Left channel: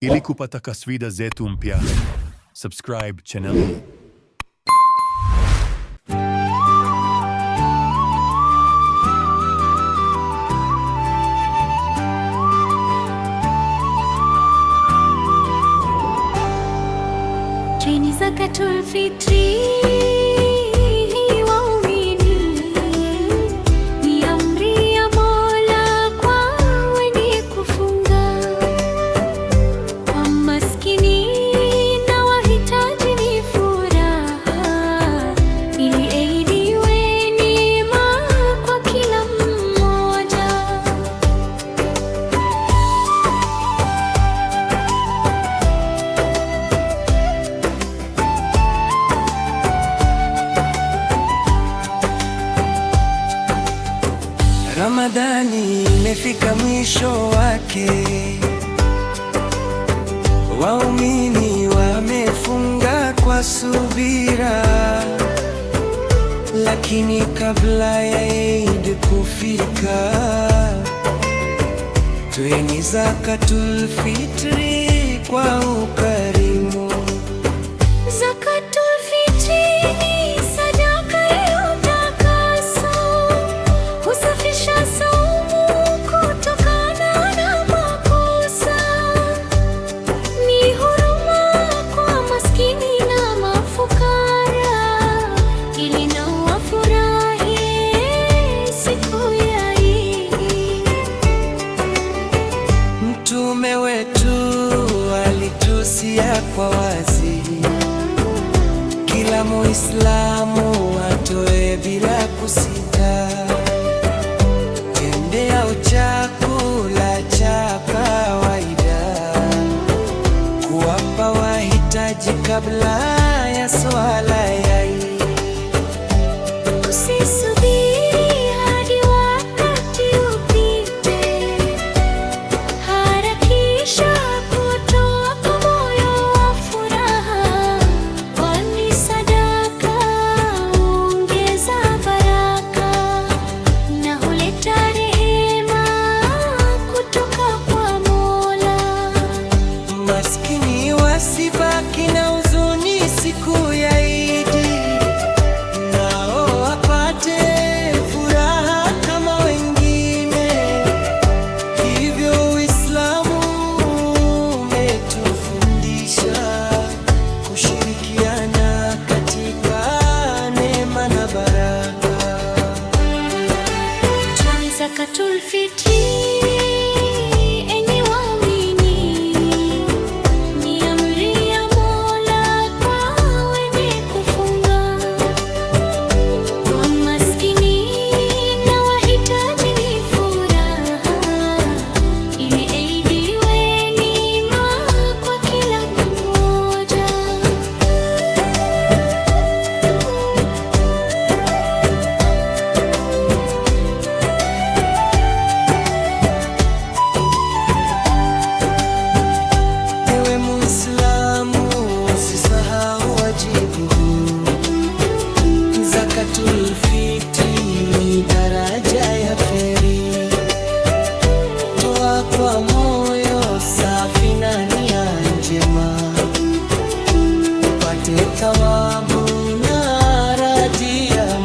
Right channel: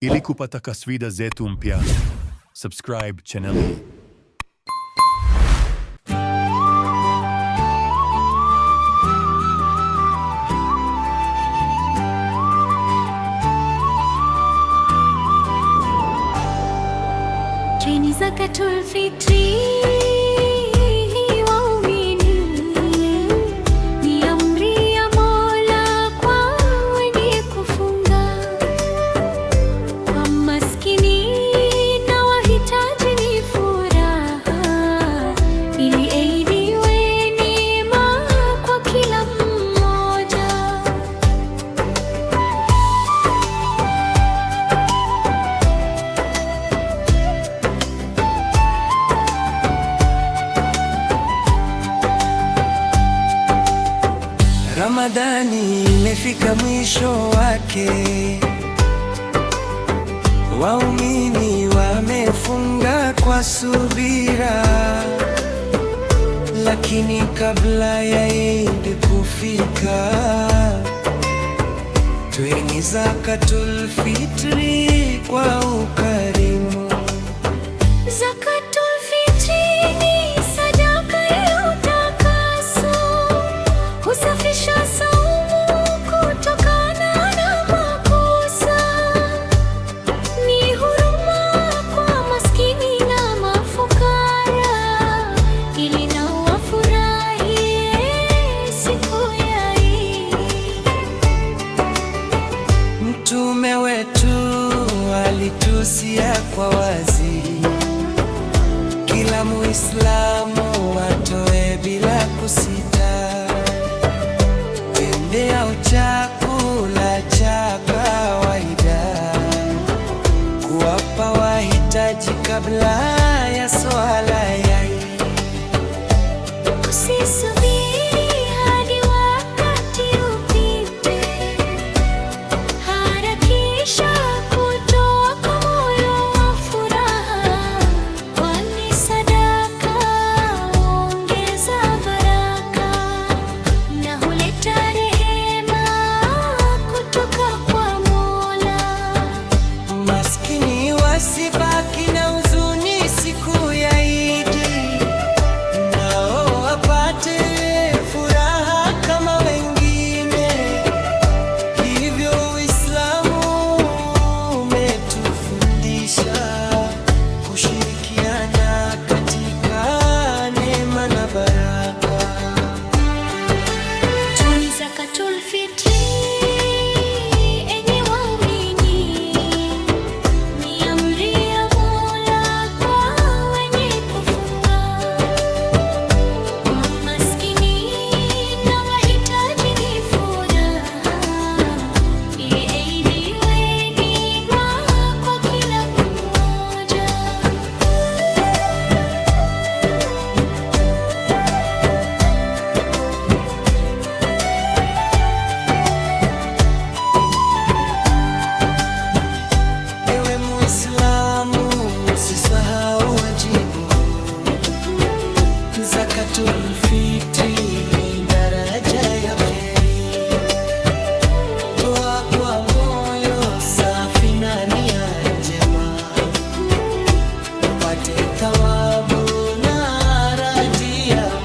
Ili kupata kaswida zetu mpya, subscribe channel hii. Ni Zakatul Fitri, waumini, ni amri ya Mola kwa wenye kufunga, kwa maskini na wahitaji ni furaha, ili aidiwe neema kwa kila mmoja. Ramadhani imefika mwisho wake, waumini wamefunga kwa subira, lakini kabla ya Eid kufika, toeni Zakatul Fitri kwa ukarimu. Zakatul Fitri ni sadaka ya utakaso, husafisha saumu kutokana na makosa, ni huruma kwa maskini na mafukara, ili nao wafurahie siku ya Eid. Mtume wetu alitusia kwa wazi, kila Muislamu atoe bila kusita, tende au chakula cha kawaida, kuwapa wahitaji kabla ya swala ya Eid. Usisubiri hadi wakati upite, harakisha kutoa kwa moyo wa furaha, kwani sadaka huongeza baraka na huleta rehema kutoka kwa Mola. Maskini wasibaki na huzuni siku ya Eid, nao wapate furaha kama wengine. Hivyo Uislamu umetufundisha kushirikiana katika neema na baraka. Toeni Zakatul Fitri, enyi waumini, ni amri ya Mola kwa wenye kufunga, kwa maskini na wahitaji ni furaha, ili aidiwe neema kwa kila mmoja. Ewe Muislamu, usisahau wajibu huu. Zakatul Fitri ni daraja ya kheri. Toa kwa moyo safi na nia njema, upate thawabu na radhi ya